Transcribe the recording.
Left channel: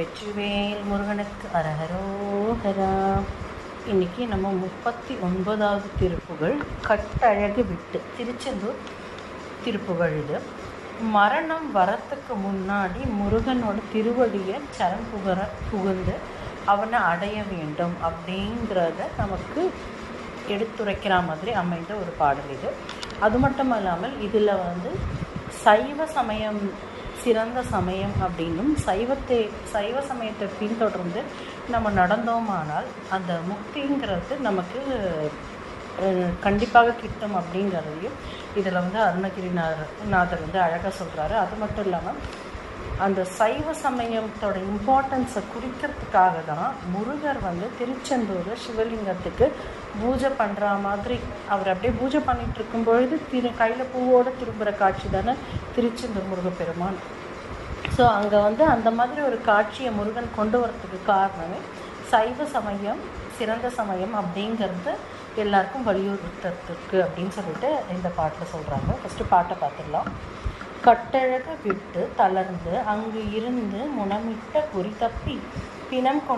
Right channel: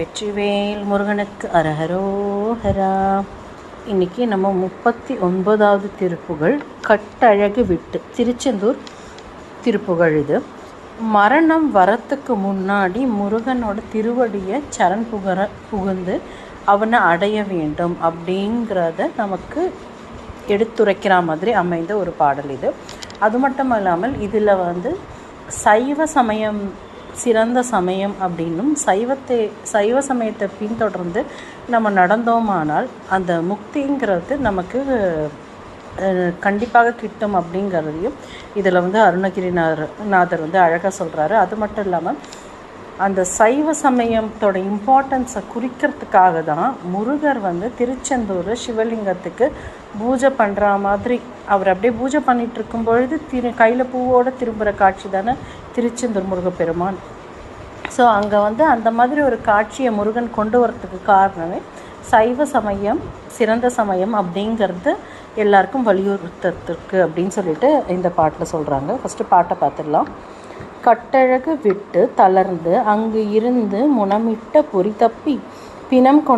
வெற்றிவேல் முருகனுக்கு அரஹரோஹரா. இன்றைக்கி நம்ம 39வது திருப்புகழ் கட்டழகு விட்டு, திருச்செந்தூர் திருப்புகழ் இது. மரணம் வரத்துக்கு முன்னாடி முருகனோட திருவடியை சரண் புகுந்து அவனை அடைய வேண்டும் அப்படிங்கிறத நமக்கு எடுத்துரைக்கிற மாதிரி அமைந்த ஒரு பாடல் இது. அது மட்டும் இல்லாமல் இதில் சைவ சமயம் சிறந்த சமயம் அப்படின்னும் சைவ சமயத்தை பின்தொடர்ந்து நம்ம நடந்தோமானால் அந்த முக்திங்கிறது நமக்கு கண்டிப்பாக கிட்டும் அப்படிங்கிறதையும் இதில் அருணகிரிநாதர் அழகாக சொல்கிறாரு. அது மட்டும் இல்லாமல் அந்த சைவ சமயத்தோட இம்பார்ட்டன்ஸை குறிக்கிறதுக்காக தான் முருகர் திருச்செந்தூர் சிவலிங்கத்துக்கு பூஜை பண்ணுற மாதிரி அவர் அப்படியே பூஜை பண்ணிகிட்டு இருக்கும் பொழுது கையில் பூவோடு திரும்புகிற காட்சி தானே திருச்செந்தூர் முருகப்பெருமான். ஸோ அங்கே அந்த மாதிரி ஒரு காட்சியை முருகன் கொண்டு வரத்துக்கு காரணமே சைவ சமயம் சிறந்த சமயம் அப்படிங்கிறது எல்லாருக்கும் வலியுறுத்தத்துக்கு அப்படின்னு சொல்லிட்டு இந்த பாட்டில் சொல்கிறாங்க. ஃபஸ்ட்டு பாட்டை பார்த்துடலாம். கட்டழகு விட்டு தளர்ந்து அங்கு இருந்து முனமிட்ட பொறி தப்பி பிணம்